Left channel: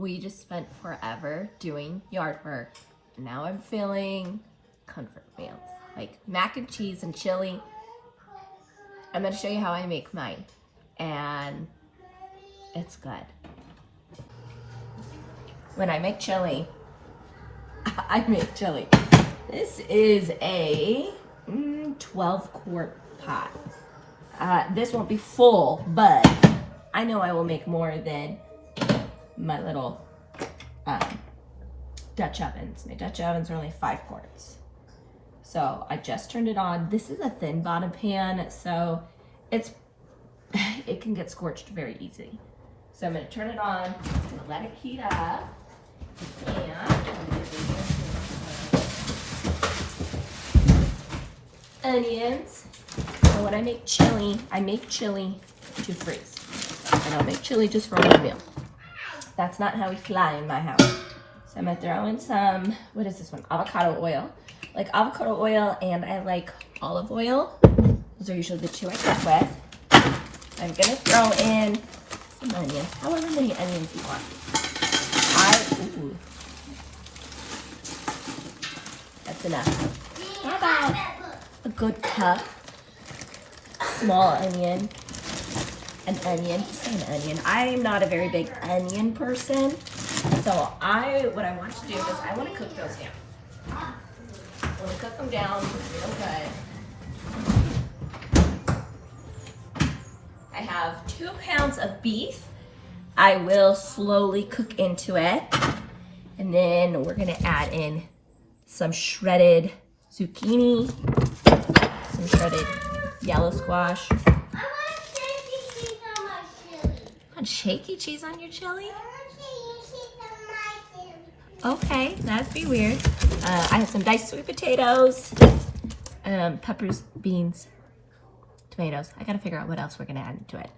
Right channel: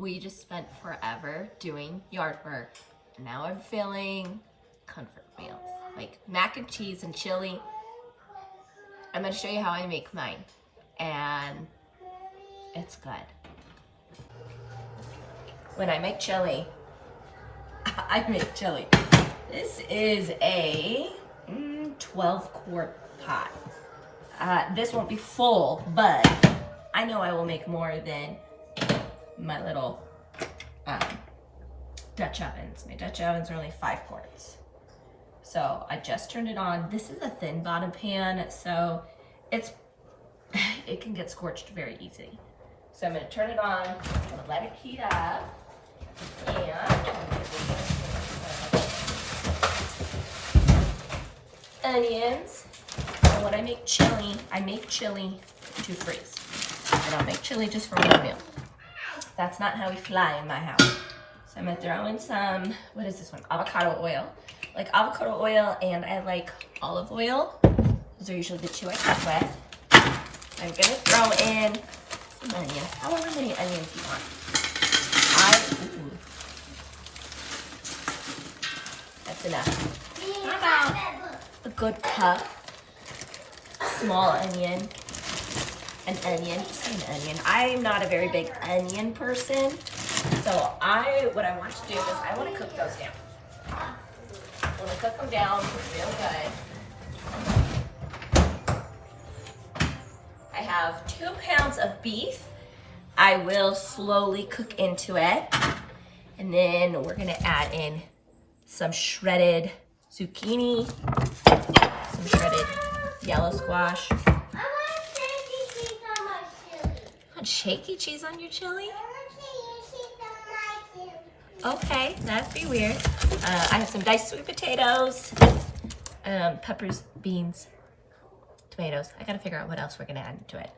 we just spent forever doing yard work. And now I'm feeling comfort meals, like mac and cheese and chili. I'm gonna show you how I make mine. And it's good. When I make chili, I make chili. This is a 12-quart pot. This won't be full, but I know I will make more than my little Dutch ovens. My Dutch ovens are only 5 quarts. So I just turned it on. This is a thin bottom pan, so it can get scorched very easily. So I'm gonna turn it on, I'm gonna let it heat up, and onions. So when I make chili to freeze. I don't make chili just for one meal. That's not how we fly in my house. So I'm gonna throw in some, what is this one? Avocado oil. Like avocado oil, and I like olive oil. Those are usually the two I cook with. I'm gonna throw in some onions, however many onions you want. That's enough. How about a good cup, small onion, an onion, just an onion. I'm not a very big onion person, so what I want to do is I want to cook those down. I want to cook them down real good. I have 2 pounds of beef. I will slowly cook into it. And then we're gonna add in some shredded zucchini, some shredded yellow squash. Want shaky cheese on your chili? Okay, that'd be weird. I have some diced sweet potatoes, peppers, beans, tomatoes. I gotta figure out what else we're gonna add into it.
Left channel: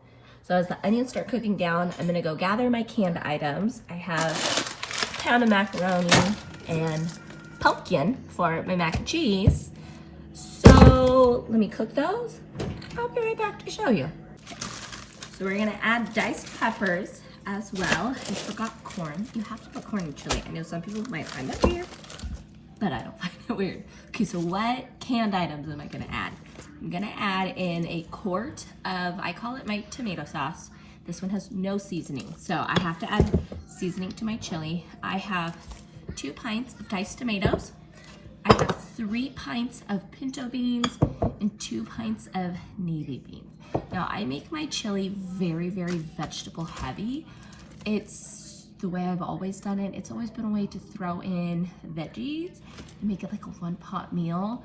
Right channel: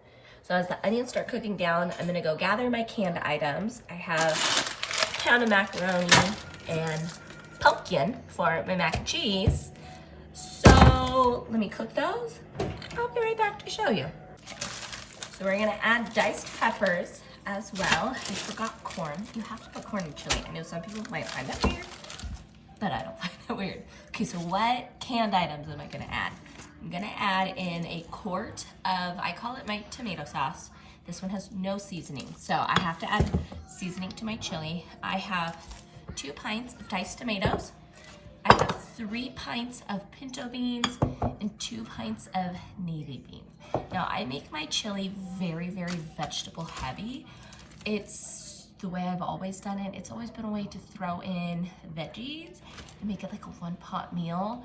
So as the onions start cooking down, I'm gonna go gather my canned items. I have a pound of macaroni and pumpkin for my mac and cheese. So let me cook those. I'll be right back to show you. So we're gonna add diced peppers as well. I forgot corn. You have to put corn in chili. I know some people might find that weird, but I don't find it weird. Okay, so what canned items am I gonna add? I'm gonna add in a quart of, I call it my tomato sauce. This one has no seasoning, so I have to add seasoning to my chili. I have 2 pints of diced tomatoes. I have 3 pints of pinto beans and 2 pints of navy beans. Now I make my chili very, very vegetable heavy. It's the way I've always done it. It's always been a way to throw in veggies and make it like a 1-pot meal.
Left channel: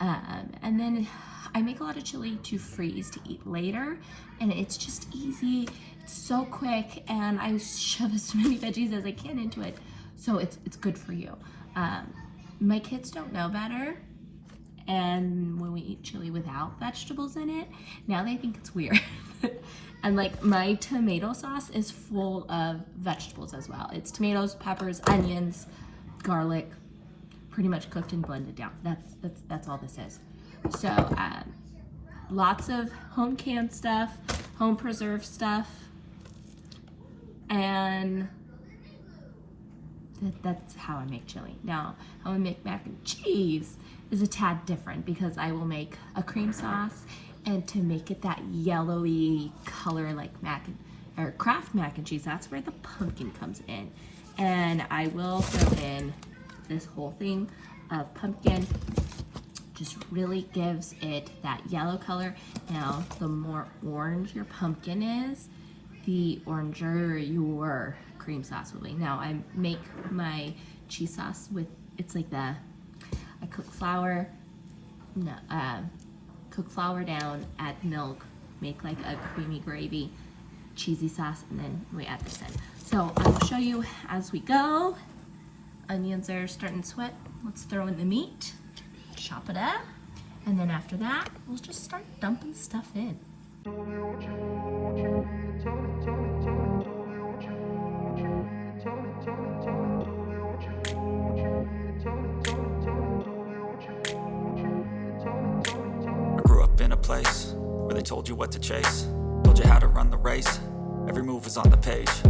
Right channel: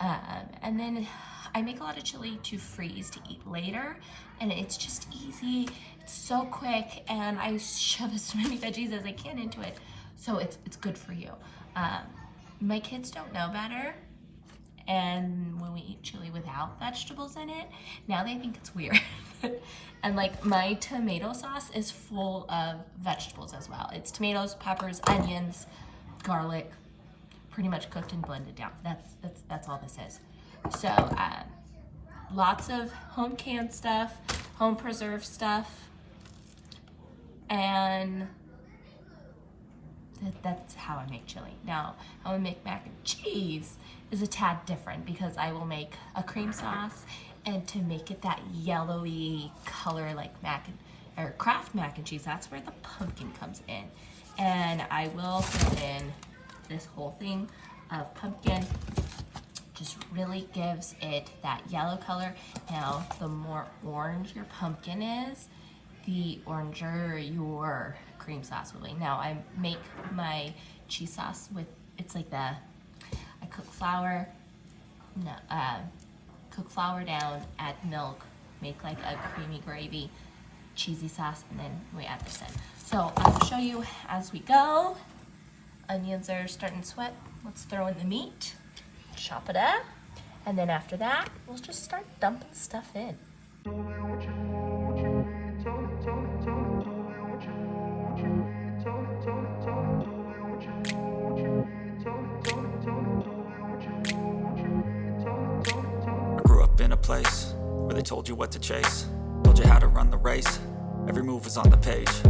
And then I make a lot of chili to freeze to eat later, and it's just easy, it's so quick, and I shove as many veggies as I can into it, so it's good for you. My kids don't know better, and when we eat chili without vegetables in it, now they think it's weird. And like my tomato sauce is full of vegetables as well. It's tomatoes, peppers, onions, garlic, pretty much cooked and blended down. That's all this is. So lots of home canned stuff, home preserved stuff, and that's how I make chili. Now, how I make mac and cheese is a tad different because I will make a cream sauce, and to make it that yellowy color like Kraft mac and cheese, that's where the pumpkin comes in. And I will throw in this whole thing of pumpkin. Just really gives it that yellow color. Now, the more orange your pumpkin is, the oranger your cream sauce will be. Now, I make my cheese sauce with, it's like I cook flour, cook flour down, add milk, make like a creamy gravy, cheesy sauce, and then we add this in. So I'll show you as we go. Onions are starting to sweat. Let's throw in the meat, chop it up, and then after that, we'll just start dumping stuff in. I grew up in a place where they told you what to chase, told you how to run the race. Every move was on the page,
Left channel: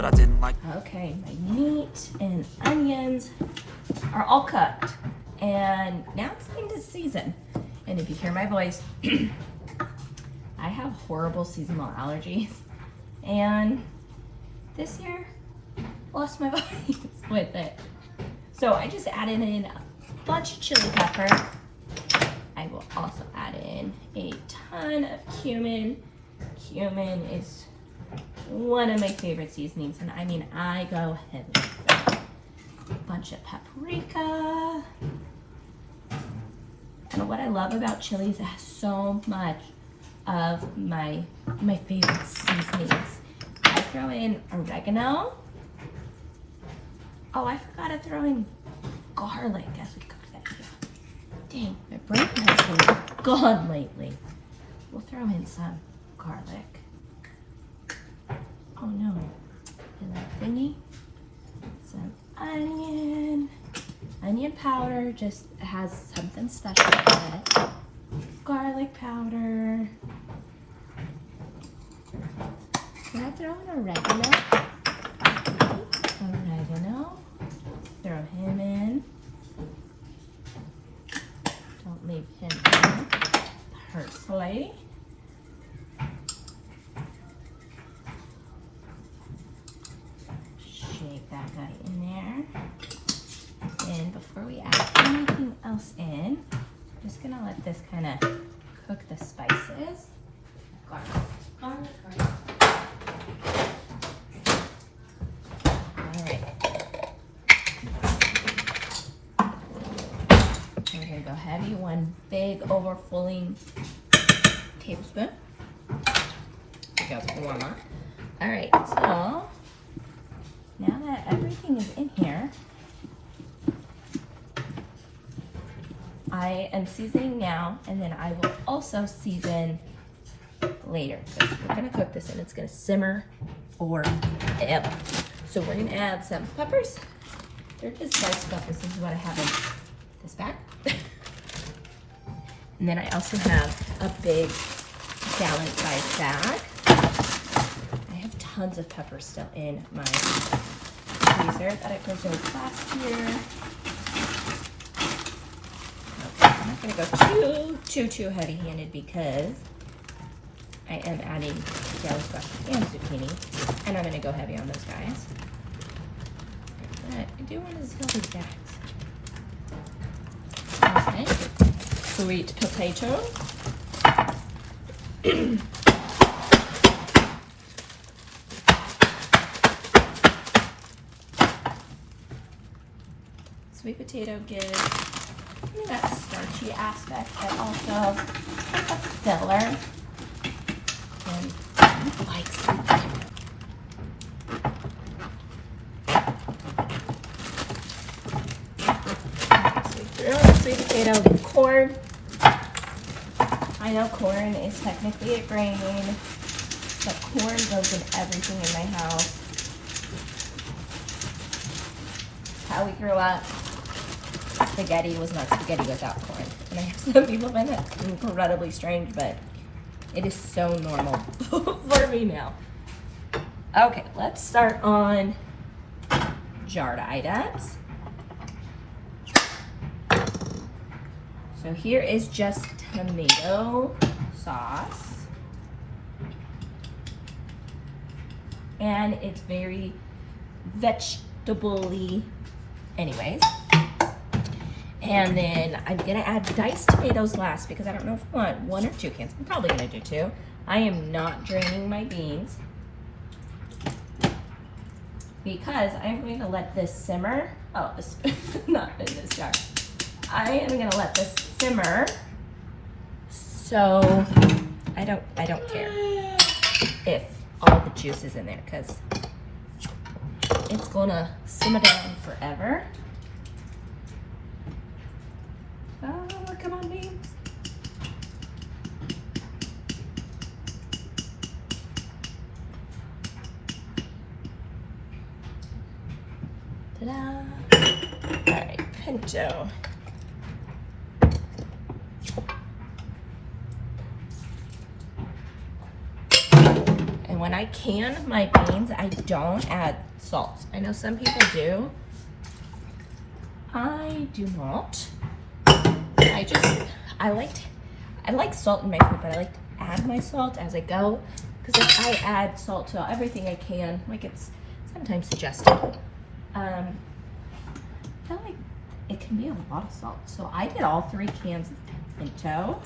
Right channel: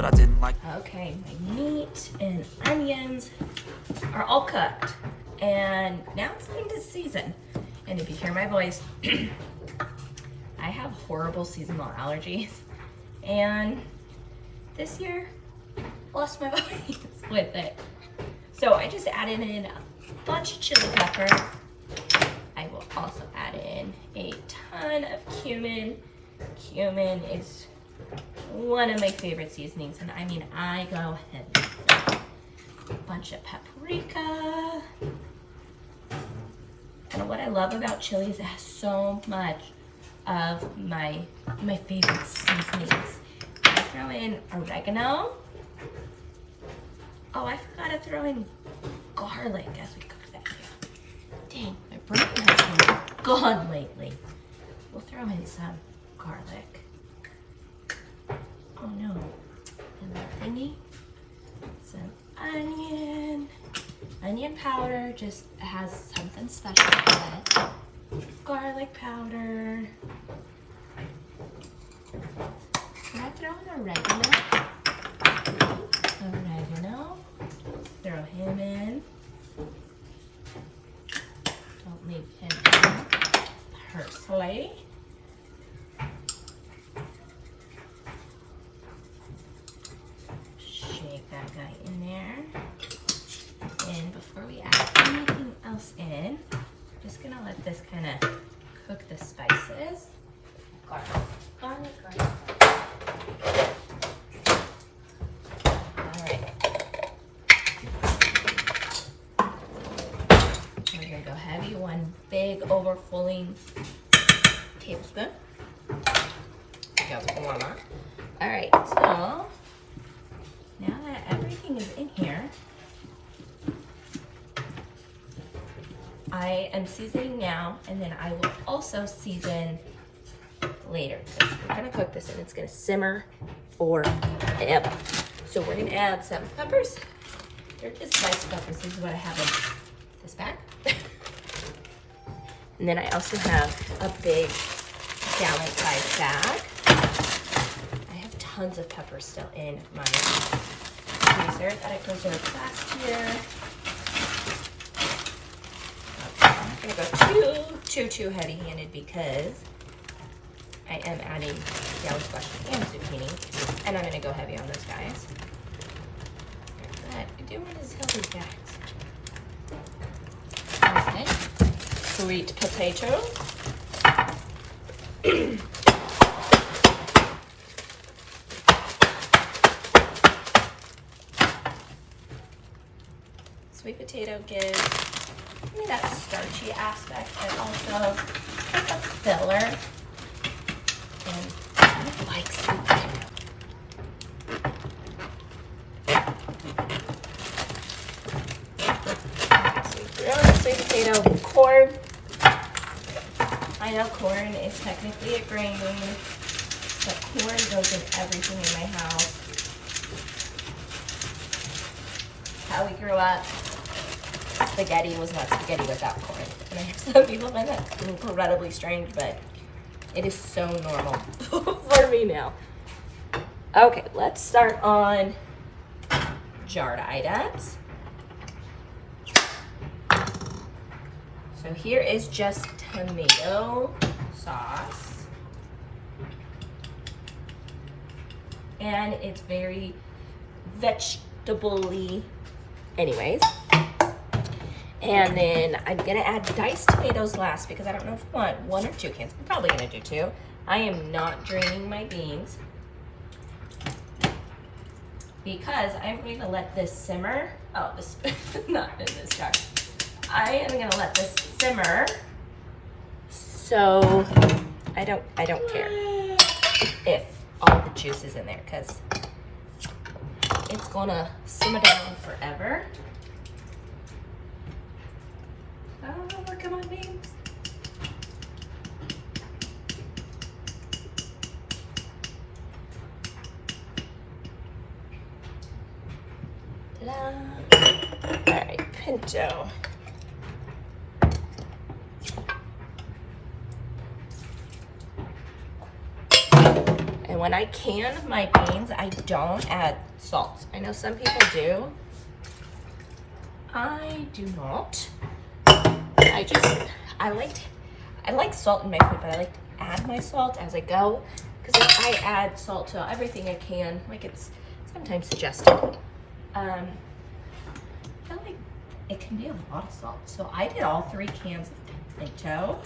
but I didn't like. Okay, my meat and onions are all cooked. And now it's time to season. And if you hear my voice, I have horrible seasonal allergies. And this year, lost my voice with it. So I just added in a bunch of chili pepper. I will also add in a ton of cumin. Cumin is one of my favorite seasonings, and I mean, I go heavy. A bunch of paprika. And what I love about chili is it has so much of my favorite seasonings. I throw in oregano. Oh, I forgot to throw in garlic as we cook that. Dang, my brain has been gone lately. We'll throw in some garlic. Oh no. And that thingy. Some onion powder, just has something special in it. Garlic powder. Can I throw in oregano? Throw him in. Don't leave him out. Parsley. Shake that guy in there. And before we add anything else in, I'm just gonna let this kind of cook the spices. Garlic. Alright. We're gonna go heavy, one big overflowing tablespoon. Go warmer. Alright, so now that everything is in here, I am seasoning now, and then I will also season later. Because we're gonna cook this and it's gonna simmer forever. So we're gonna add some peppers. They're just diced peppers. This is what I have in this bag. And then I also have a big gallon-sized bag. I have tons of peppers still in my freezer that I preserved last year. I'm not gonna go too heavy-handed because I am adding yellow squash and zucchini, and I'm gonna go heavy on those guys. But I do want to sell these bags. Okay, sweet potato. Sweet potato gives me that starchy aspect, but also a filler. And I like sweet potato. Sweet potato, corn. I know corn is technically a grain, but corn goes in everything in my house. How we grew up, spaghetti was not spaghetti without corn. And I have some people find that incredibly strange, but it is so normal for me now. Okay, let's start on jarred items. So here is just tomato sauce. And it's very vegetable-y anyways. And then I'm gonna add diced tomatoes last because I don't know if I want 1 or 2 cans. I'm probably gonna do 2. I am not draining my beans because I'm going to let this simmer. Oh, it's not in this jar. I am gonna let this simmer. So I don't care if all the juice is in there because it's gonna simmer down forever. Oh, come on, beans. Ta-da. All right, pinto. And when I can my beans, I don't add salt. I know some people do. I do not. I like salt in my food, but I like to add my salt as I go, because I add salt to everything I can, like it's sometimes suggested. But like, it can be a lot of salt. So I did all 3 cans of tomato.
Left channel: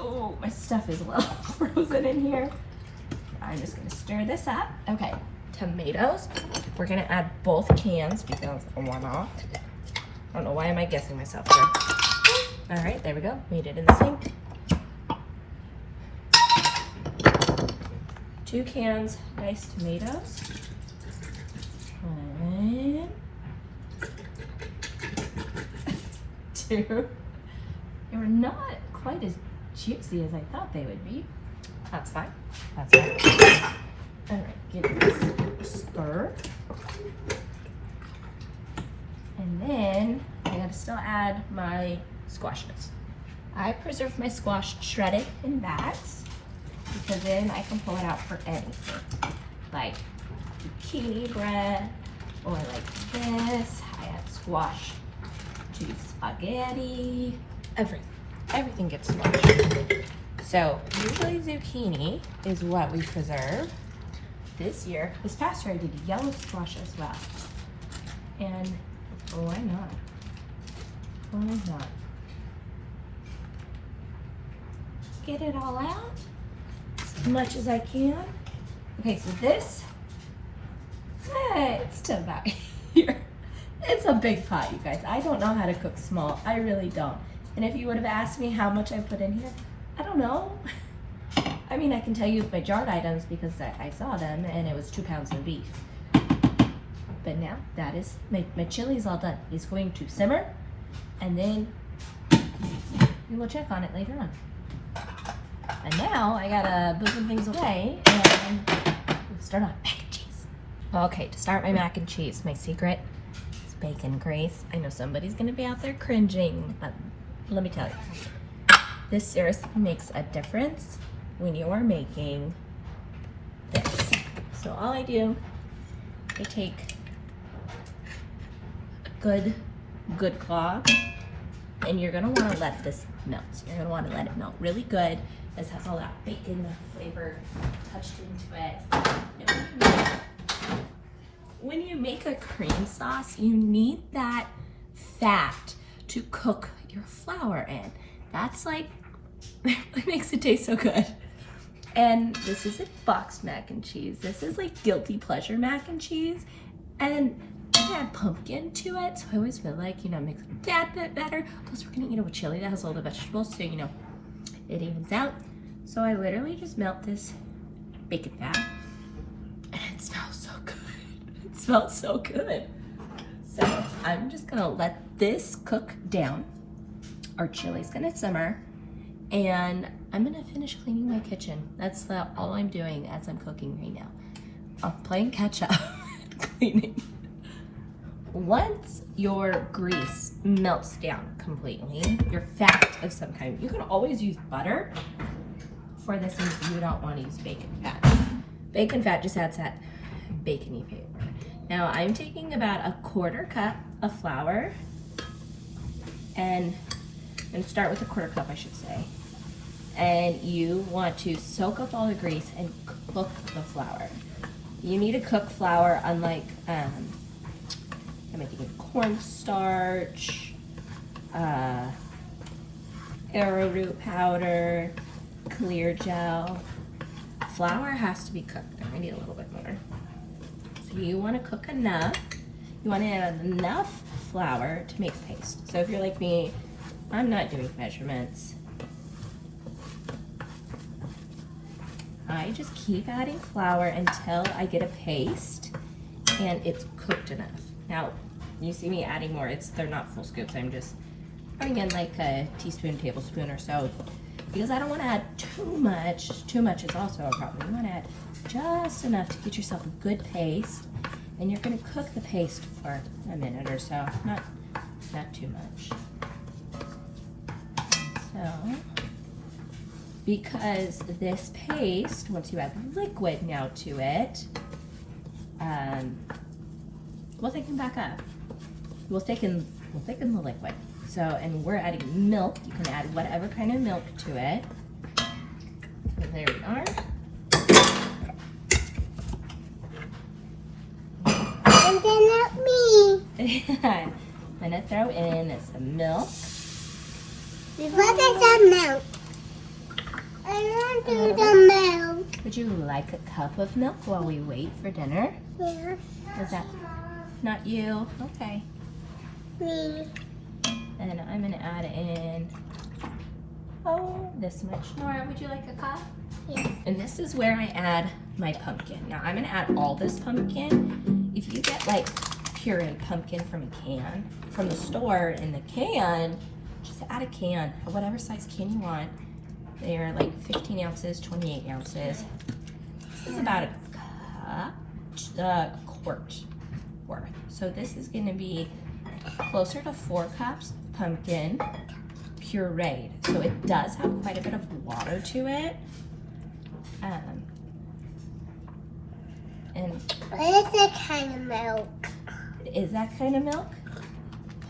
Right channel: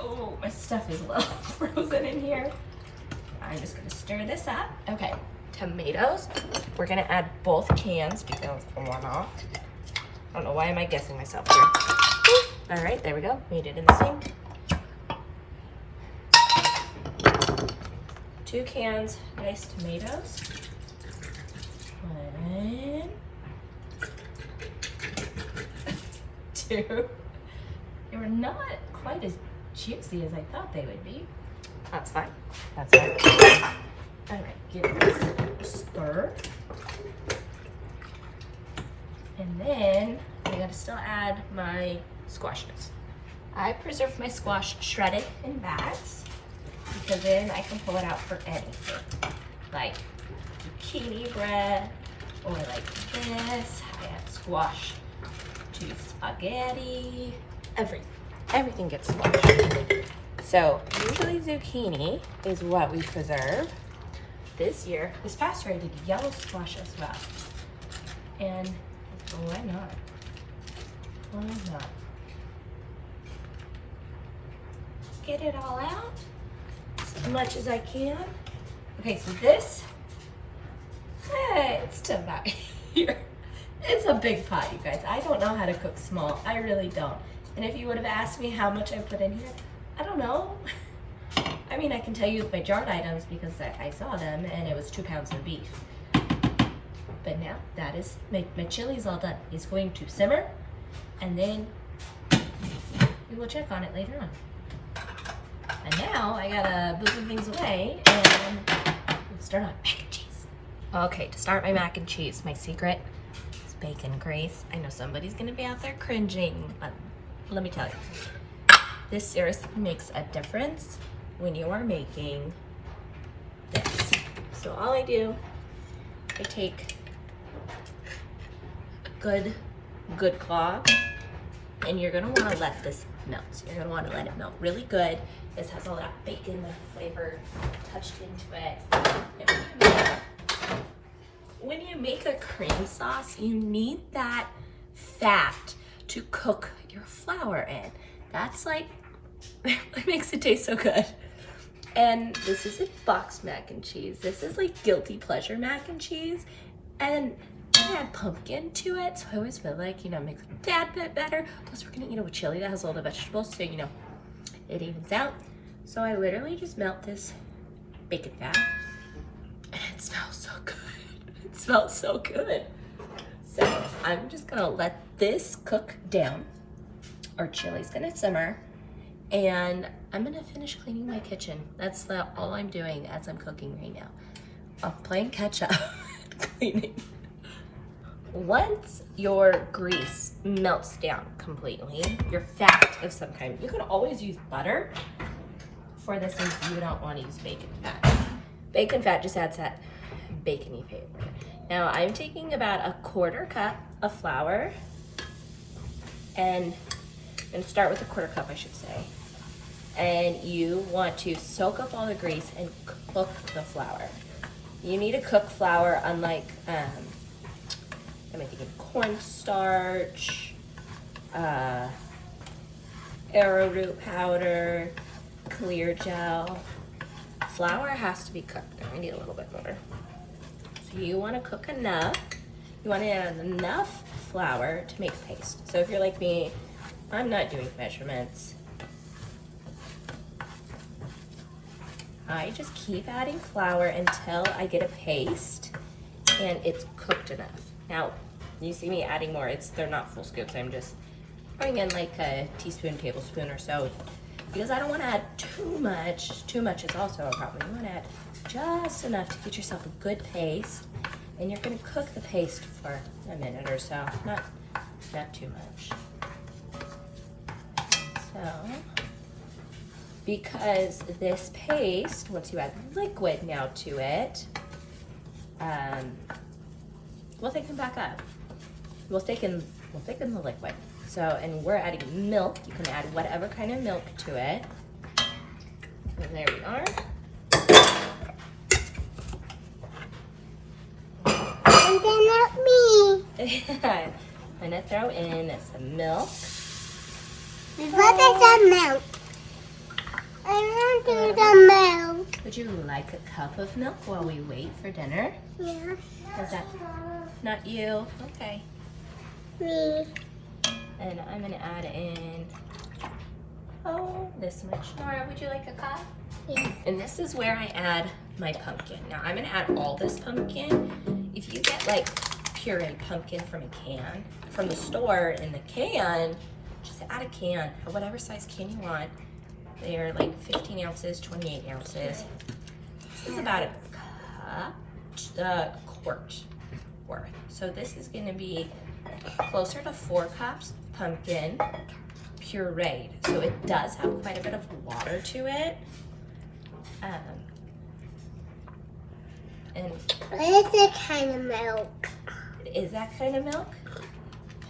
Oh, my stuff is a little frozen in here. I'm just gonna stir this up. Okay, tomatoes. We're gonna add both cans because why not? I don't know, why am I guessing myself here? All right, there we go. Made it in the sink. 2 cans diced tomatoes. 1, 2. They were not quite as juicy as I thought they would be. That's fine. That's fine. All right, give this a stir. And then I gotta still add my squashes. I preserve my squash shredded in bags because then I can pull it out for anything. Like zucchini bread, or like this. I add squash to spaghetti. Everything gets squashed. So usually zucchini is what we preserve. This past year I did yellow squash as well. And why not? Why not? Get it all out as much as I can. Okay, so this, it's still about here. It's a big pot, you guys. I don't know how to cook small. I really don't. And if you would have asked me how much I put in here, I don't know. I mean, I can tell you my jarred items because I saw them and it was 2 pounds of beef. But now that is, my chili's all done. It's going to simmer and then we will check on it later on. And now I gotta put some things away and start on mac and cheese. Okay, to start my mac and cheese, my secret is bacon grease. I know somebody's gonna be out there cringing, but let me tell you, this seriously makes a difference when you are making this. So all I do, I take a good clog, and you're gonna wanna let this melt. So you're gonna wanna let it melt really good. This has all that bacon flavor touched into it. When you make a cream sauce, you need that fat to cook your flour in. That's like what makes it taste so good. And this is a boxed mac and cheese. This is like guilty pleasure mac and cheese. And I add pumpkin to it, so I always feel like, it makes it a tad bit better. Plus we're gonna eat it with chili that has a lot of vegetables, so it evens out. So I literally just melt this bacon fat, and it smells so good. It smells so good. So I'm just gonna let this cook down. Our chili's gonna simmer, and I'm gonna finish cleaning my kitchen. That's all I'm doing as I'm cooking right now. I'm playing catch up, cleaning. Once your grease melts down completely, your fat of some kind, you can always use butter for this if you don't want to use bacon fat. Bacon fat just adds that bacony flavor. Now I'm taking about a 1/4 cup of flour, and start with a 1/4 cup, I should say. And you want to soak up all the grease and cook the flour. You need to cook flour unlike I'm making cornstarch, arrowroot powder, clear gel. Flour has to be cooked. I need a little bit more. So you want to cook enough. You want to add enough flour to make paste. So if you're like me, I'm not doing measurements. I just keep adding flour until I get a paste and it's cooked enough. Now, you see me adding more. They're not full scoops. I'm just putting in like a teaspoon, tablespoon or so, because I don't want to add too much. Too much is also a problem. You want to add just enough to get yourself a good paste, and you're going to cook the paste for a minute or so, not too much. So because this paste, once you add liquid now to it, will thicken back up. We'll thicken the liquid. So, and we're adding milk. You can add whatever kind of milk to it. So there we are. And then not me. I'm gonna throw in some milk. What is the milk? I want to the milk. Would you like a cup of milk while we wait for dinner? Yeah, Is that not you? Okay. me. And I'm gonna add in, this much. Nora, would you like a cup? Yeah. And this is where I add my pumpkin. Now I'm gonna add all this pumpkin. If you get like pureed pumpkin from the store in the can, just add a can, or whatever size can you want. They're like 15 ounces, 28 ounces. This is about a quart worth. So this is gonna be closer to 4 cups of pumpkin pureed. So it does have quite a bit of water to it. And What is that kind of milk? is that kind of milk?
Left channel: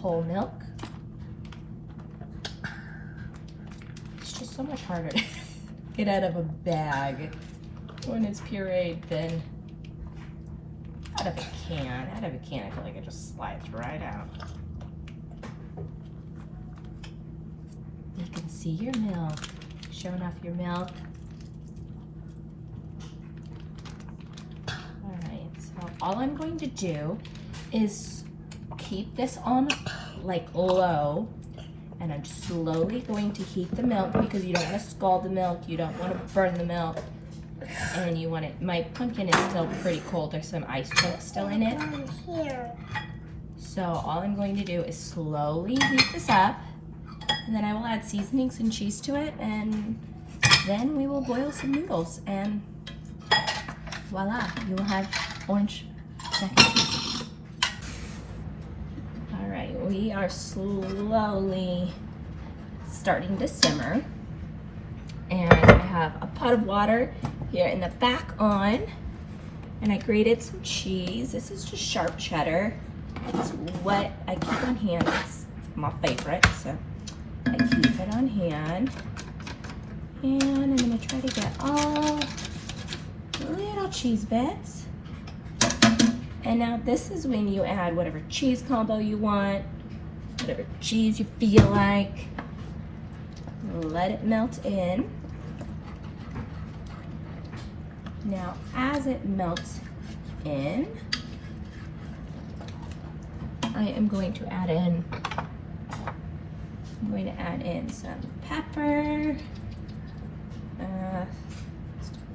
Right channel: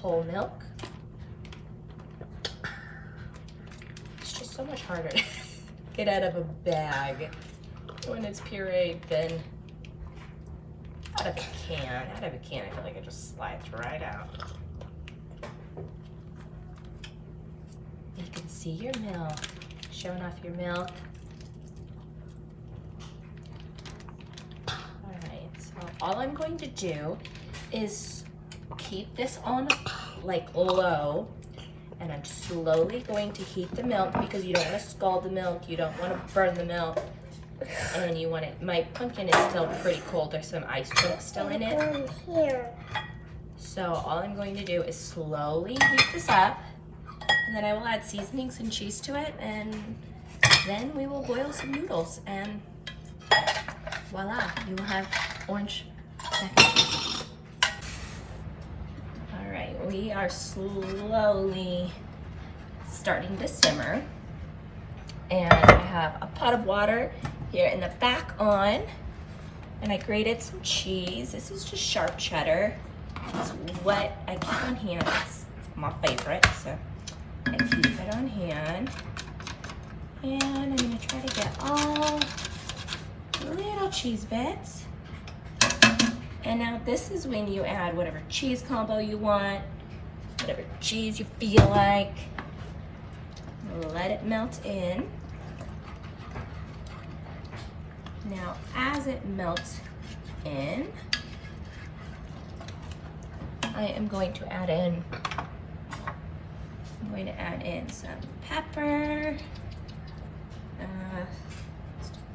Whole milk? It's just so much harder to get out of a bag when it's pureed than out of a can. Out of a can, I feel like it just slides right out. You can see your milk, showing off your milk. All right, so all I'm going to do is keep this on like low, and I'm slowly going to heat the milk because you don't want to scald the milk, you don't want to burn the milk, and you want it, my pumpkin is still pretty cold, there's some ice chunks still in it. Here. So all I'm going to do is slowly heat this up, and then I will add seasonings and cheese to it, and then we will boil some noodles, and voila, you will have orange mac and cheese. All right, we are slowly starting to simmer, and I have a pot of water here in the back on, and I grated some cheese. This is just sharp cheddar. It's what I keep on hand. It's my favorite, so I keep it on hand. And I'm gonna try to get all little cheese bits. And now this is when you add whatever cheese combo you want, whatever cheese you feel like. Let it melt in. Now, as it melts in, I am going to add in, some pepper.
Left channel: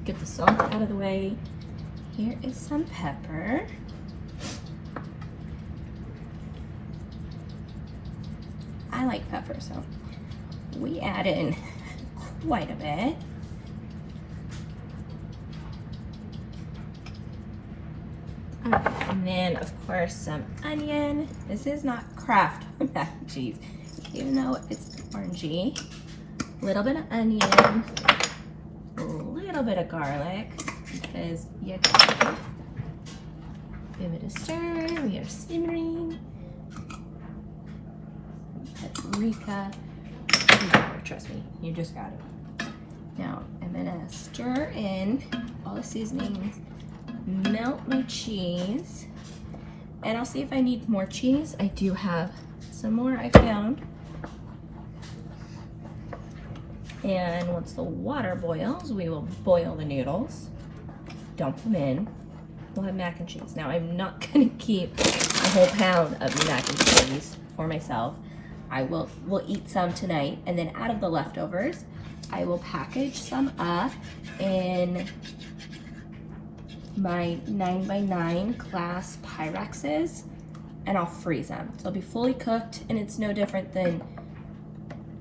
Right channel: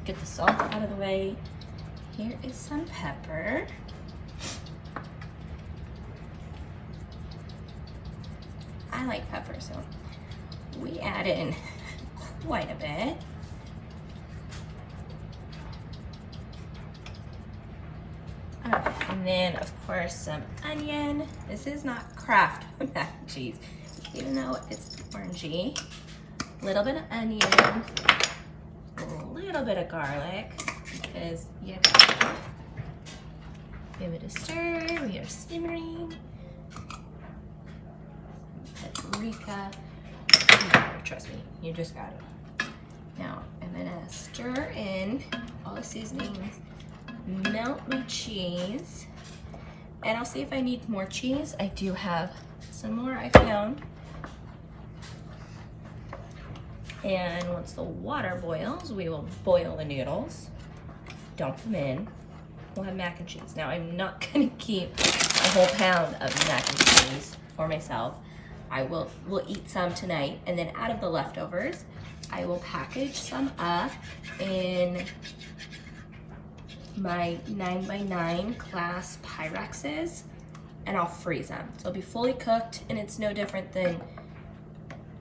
Get the salt out of the way. Here is some pepper. I like pepper, so we add in quite a bit. And then, of course, some onion. This is not Kraft mac and cheese, even though it's orangey. A little bit of onion, a little bit of garlic, because you gotta give it a stir. We are simmering. Paprika. Trust me, you just got it. Now, I'm gonna stir in all the seasonings. Melt my cheese, and I'll see if I need more cheese. I do have some more I found. And once the water boils, we will boil the noodles, dump them in. We'll have mac and cheese. Now, I'm not gonna keep a whole pound of mac and cheese for myself. We'll eat some tonight, and then out of the leftovers, I will package some up in my 9x9 glass Pyrexes, and I'll freeze them. So it'll be fully cooked, and it's no different than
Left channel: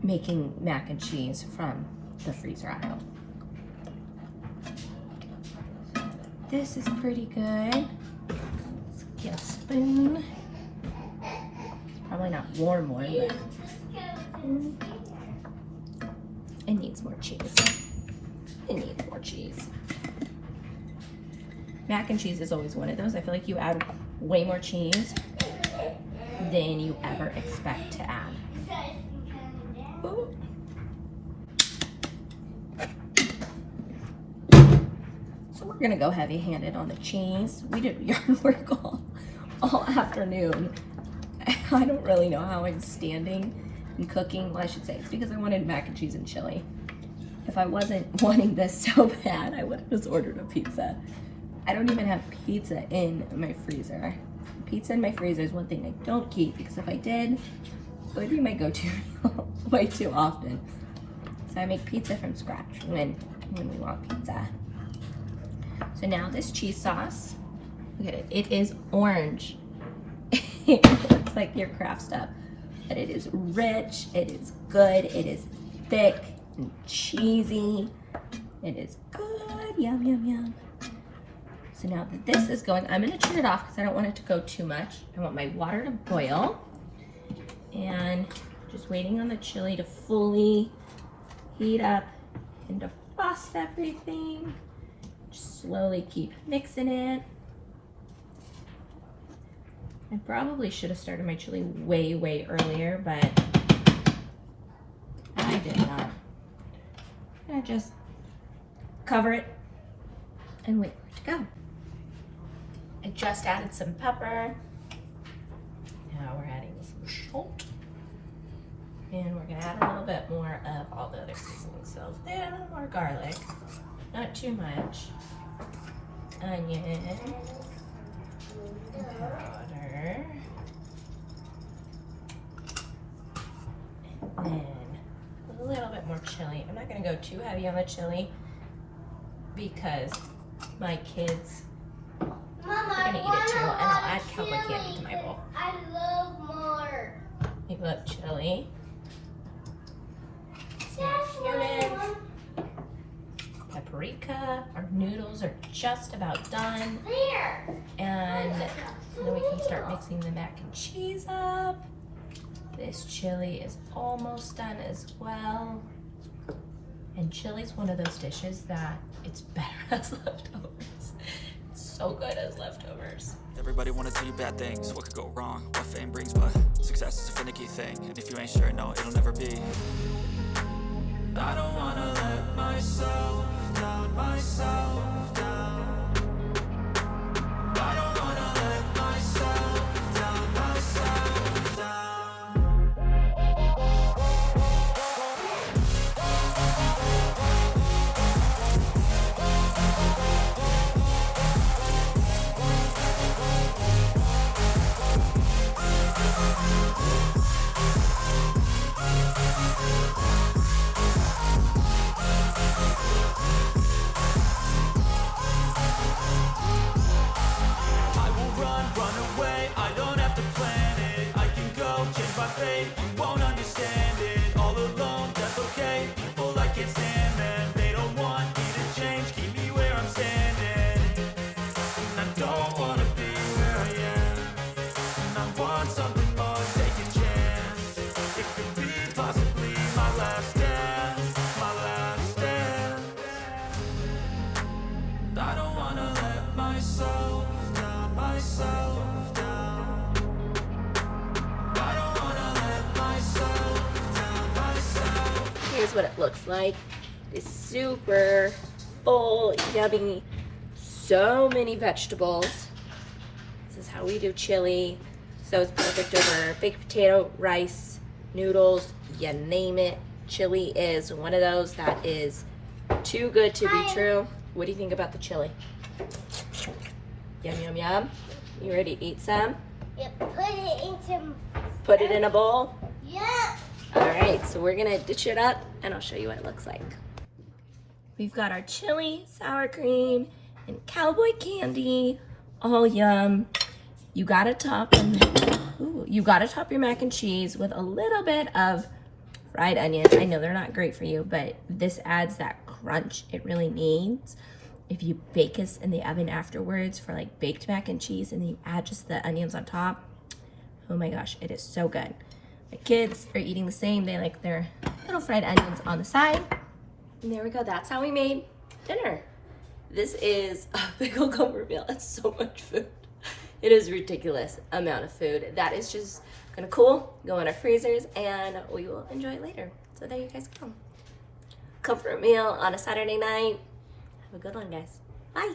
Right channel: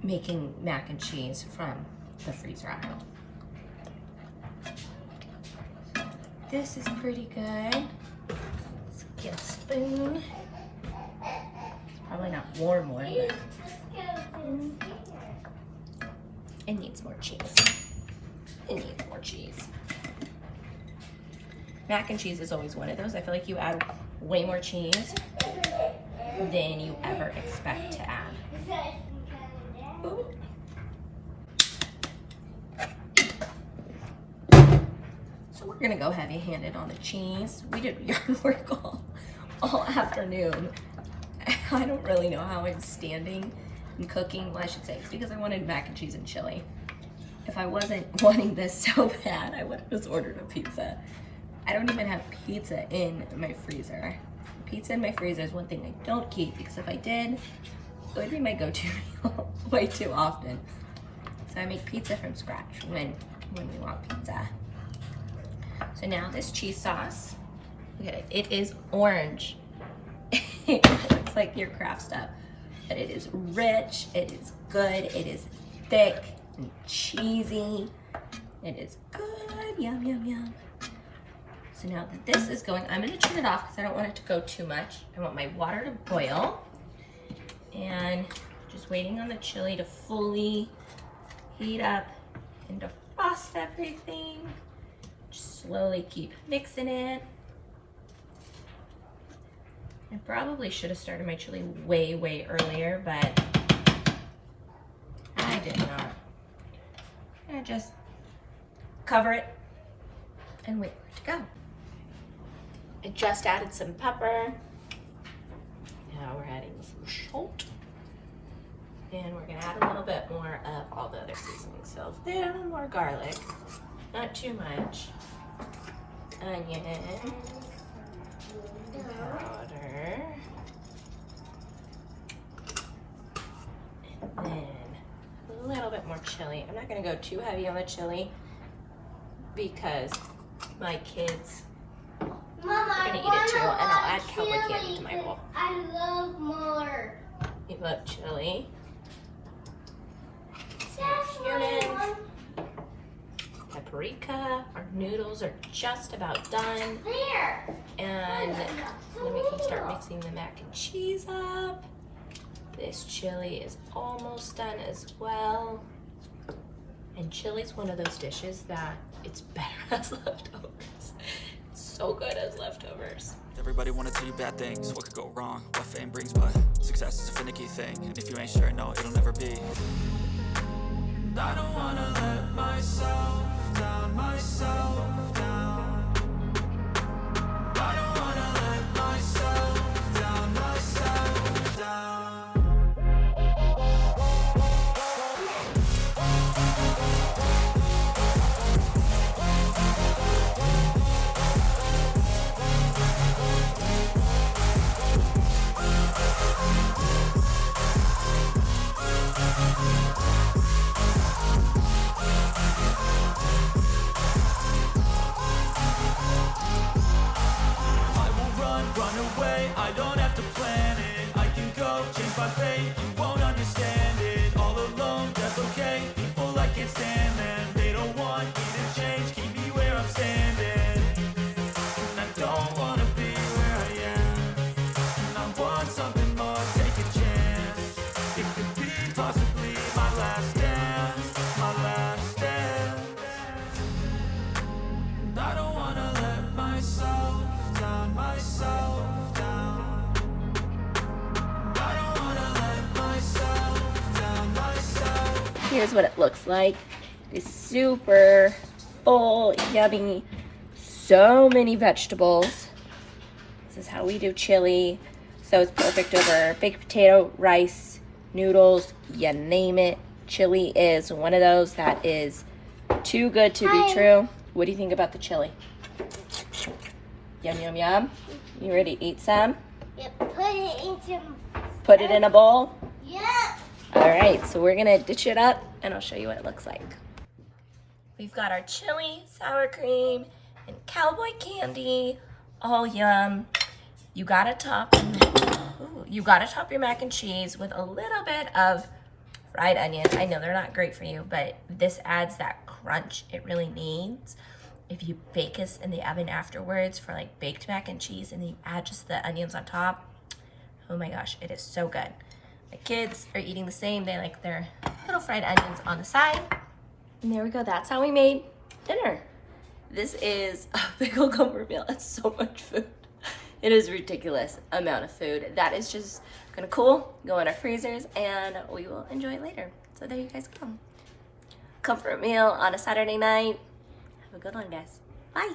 making mac and cheese from the freezer aisle. This is pretty good. Let's get a spoon. Probably not warm, but it needs more cheese. I need more cheese. Mac and cheese is always one of those. I feel like you add way more cheese than you ever expect to add. Ooh. So we're gonna go heavy-handed on the cheese. We did yard work all afternoon. I don't really know how I'm standing and cooking. Well, I should say it's because I wanted mac and cheese and chili. If I wasn't wanting this so bad, I would have just ordered a pizza. I don't even have pizza in my freezer. Pizza in my freezer is one thing I don't keep because if I did, it would be my go-to meal way too often. So I make pizza from scratch when we want pizza. So now this cheese sauce, look at it, it is orange. It looks like your Kraft stuff, but it is rich, it is good, it is thick and cheesy. It is good, yum, yum, yum. So now that this is going, I'm gonna turn it off because I don't want it to go too much. I want my water to boil. And just waiting on the chili to fully heat up and defrost everything. Just slowly keep mixing it. I probably should have started my chili way, way earlier, but I did not. I'm gonna just cover it and wait for it to go. I just added some pepper. Now we're adding some salt. And we're gonna add a little bit more of all the other seasonings. So there, more garlic, not too much. Onion, water, and then a little bit more chili. I'm not gonna go too heavy on the chili because my kids Mama, are gonna eat it too, and I'll add cowboy candy to my bowl. I love more. You love chili. Paprika. Our noodles are just about done. There. And then we can start mixing the mac and cheese up. This chili is almost done as well. And chili's one of those dishes that it's better as leftovers. It's so good as leftovers. Everybody wanna tell you bad things, what could go wrong, what fame brings, but success is a finicky thing, and if you ain't sure, no, it'll never be. I don't wanna let myself down, myself down. I don't wanna let myself down, myself down. Run away, I don't have to plan it. I can go change my fate, you won't understand it. All alone, that's okay. People I can't stand them, they don't want me to change, keep me where I'm standing. And I don't wanna be where I am, and I want something more, take a chance. It could be possibly my last dance, my last dance. I don't wanna let myself down, myself down. I don't wanna let myself down, myself. Here's what it looks like. It's super full, yummy, so many vegetables. This is how we do chili. So it's perfect over baked potato, rice, noodles, you name it. Chili is one of those that is too good to be true. What do you think about the chili? Yum, yum, yum. You ready to eat some? Yep, put it in some. Put it in a bowl? Yep. All right, so we're gonna dish it up and I'll show you what it looks like. We've got our chili, sour cream, and cowboy candy, all yum. You gotta top your mac and cheese with a little bit of fried onions. I know they're not great for you, but this adds that crunch it really needs. If you bake this in the oven afterwards for like baked mac and cheese and then you add just the onions on top, oh my gosh, it is so good. My kids are eating the same. They like their little fried onions on the side. And there we go. That's how we made dinner. This is a big old comfort meal. It's so much food. It is a ridiculous amount of food. That is just gonna cool, go in our freezers, and we will enjoy it later. So there you guys go. Comfort meal on a Saturday night. Have a good one, guys. Bye.